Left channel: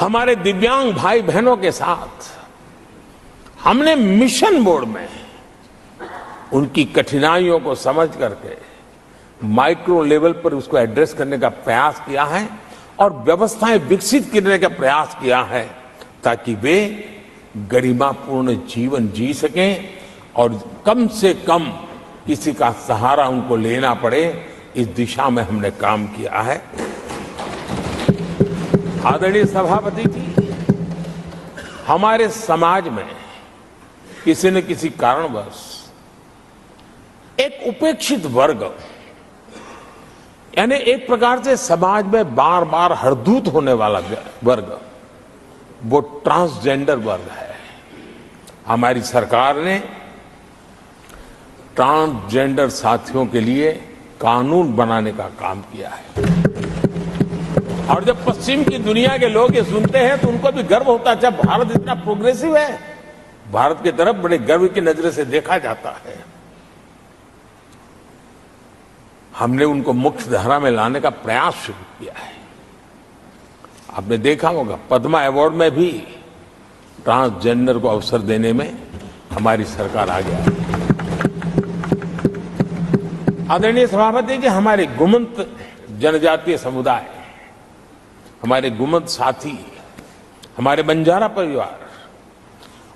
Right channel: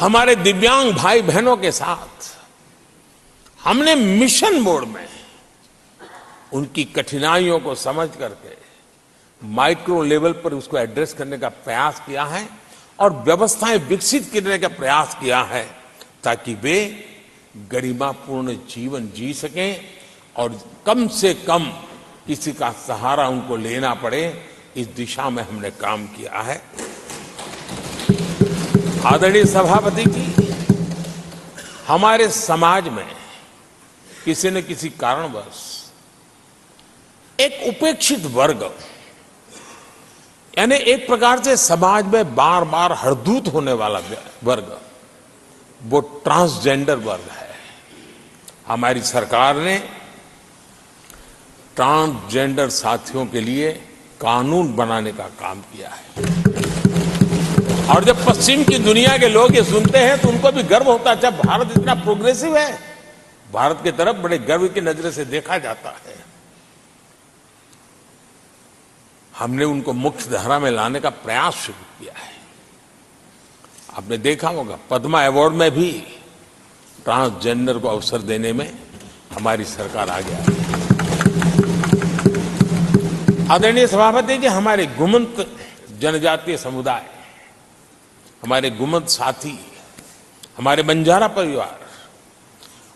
हमारे दिव्यांग भाई बहनों के साथ हमने मिशन मोड में उनकी कठिनाइयों को समझ करके माइक्रो लेवल पर उसको एड्रेस करने का प्रयास किया है और व्यवस्थाएं विकसित करने का प्रयास किया है ताकि वे गरिमापूर्ण जीवन जी सकें और कम से कम किसी का सहारा उनको लेना पड़े, इस दिशा में हमने काम किया है। आदरणीय सभापति जी, हमारे समाज में किसी न किसी कारणवश एक उपेक्षित वर्ग, यानी एक प्रकार से समाज में बार बार हरदूत होने वाला वर्ग, वो ट्रांसजेंडर वर्ग है। हमारी सरकार ने ट्रांसजेंडर साथियों के लिए कानून बनाने का काम किया है और जब पश्चिम की दुनिया के लोग ये सुनते हैं तो उनको भी गर्व होता है। जब भारत इतना प्रोग्रेसिव है, भारत की तरफ बड़े गर्व की नजर से देखा जाता है। हमने उनको मुख्य धारा में लाने का प्रयास शुरू किया है। आपने देखा होगा पद्मा अवार्ड में भी ट्रांसजेंडर को अवसर देने में हमारी सरकार आगे आई है। आदरणीय सभापति जी, हमारे गुमंत जनजातीय समुदाय, हमारे गुमंत साथी, हमारे बंजारा परिवार,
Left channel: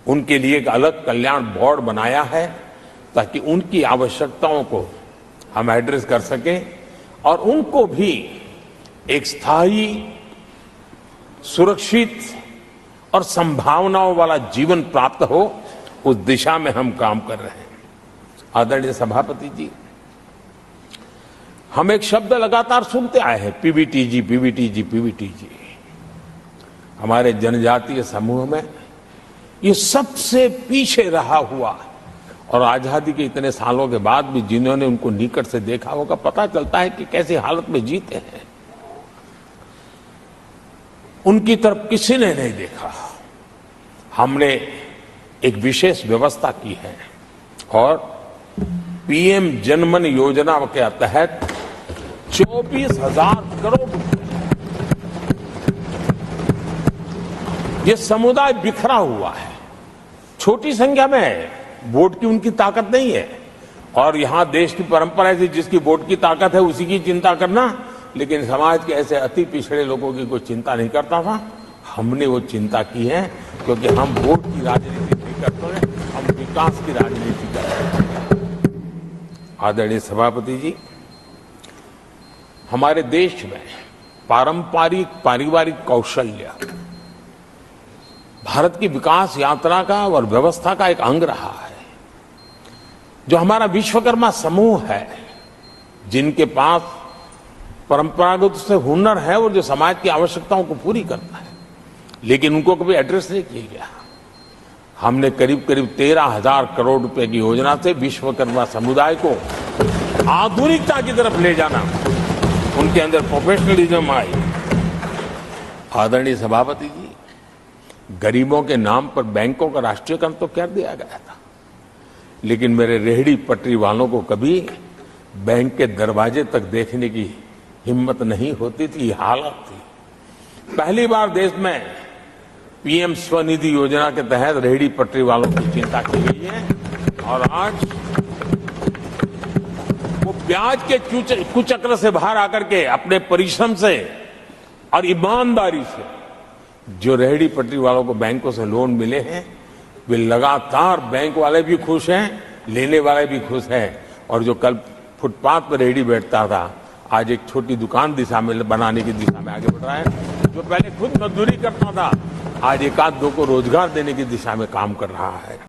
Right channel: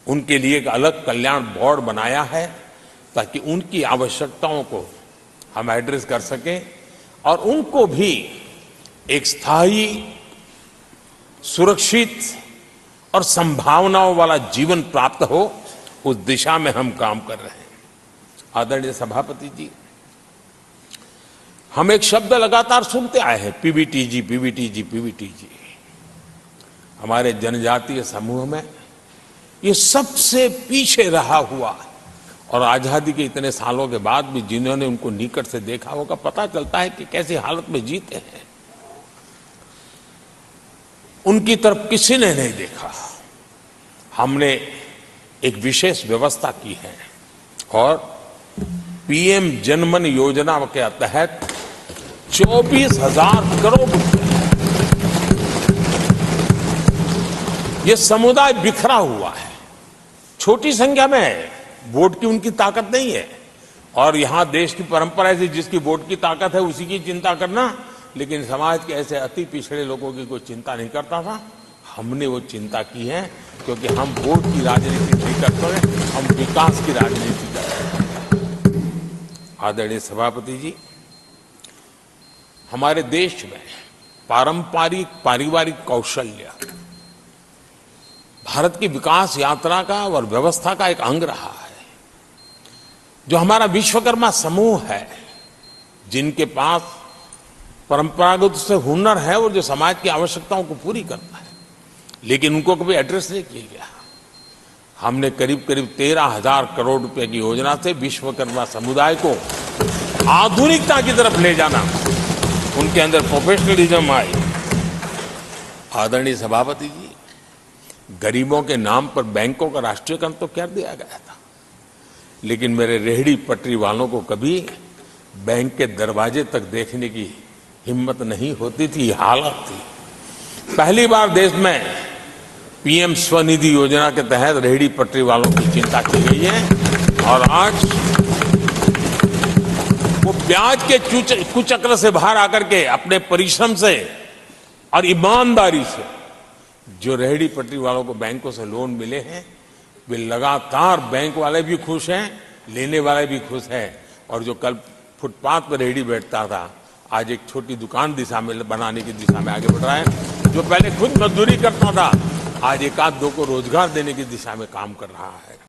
उनके लिए एक अलग कल्याण बोर्ड बनाया है ताकि उनकी आवश्यकताओं को हम एड्रेस कर सकें और उनको भी एक स्थायी, सुरक्षित और संभावनाओं वाला जीवन प्राप्त हो, उस दिशा में हम काम कर रहे हैं। आदरणीय सभापति जी, हम एक शब्द लगातार सुनते आए हैं, पीबीटीजी, पीबीटीजी, पीबीटीजी। हमारे जनजातीय समूह में ये सबसे पीछे रहा हुआ और आजादी के इतने सालों के बाद भी जिन्होंने उनको निकट से देखा होगा, पता चलता है कि कैसी हालत में जीते हैं। उनकी तरफ किसी ने नहीं देखा। हमने एक विशेष व्यवस्था की है और पीएम जनमन योजना के तहत 24,000 करोड़ रुपए, ये समुदाय बिखरा हुआ है, छोटी संख्या में है, वोट की उनकी ताकत नहीं है और यहां देश की परंपरा है जिसकी वोट की ताकत है उसी की चिंता करना, लेकिन समाज के ऐसे अति पिछड़े लोगों की कोई चिंता नहीं करता था। हमने वो चिंता की है क्योंकि हम वोट की राजनीति नहीं करते हैं, हम विकास की राजनीति करते हैं। आदरणीय सभापति जी, हमारे देश में पारंपरिक पारिवारिक कौशल्य भारत की विकास यात्रा का और व्यवस्था का एक अंग रहा है। जो हमारा विश्वकर्मा समूह है, जिनके पास परंपरागत से हुनर है और जो समाज की आवश्यकताओं को पूरी करता है, लेकिन उनको कभी एड्रेस नहीं किया गया। हमने करीब करीब 13,000 करोड़ रुपए की योजना से विश्वकर्मा समुदाय को आधुनिकता की तरफ ले जाना, उनके अंदर प्रोफेशनलिज्म आई। आदरणीय सभापति जी, गरीबों के नाम पर बैंकों का राष्ट्रीयकरण तो कर दिया गया था, लेकिन मेरे रेहड़ी पटरी वालों को कभी बैंक के दरवाजे तक देखने की हिम्मत नहीं होती थी, हालत थी। पहली बार देश में पीएम स्वनिधि योजना के तहत रेहड़ी पटरी वालों की चिंता की गई है और आज वो ब्याज के कुचक्र से बाहर आकर के अपने परिश्रम से और ईमानदारी से जो रेहड़ी पटरी वालों को बैंकों से लोन मिले हैं, वे लगातार, बैंक वाले भी खुश हैं, लेने वाले भी खुश हैं और जो कल फुटपाथ पर रेहड़ी बैठता था, आज एक छोटी दुकान दिशा में बनाने की दिशा में आगे बढ़ रहा है। जो पहले खुद मजदूरी करता था, आज एक आध दो को रोजगार देने की दिशा में काम कर रहा है।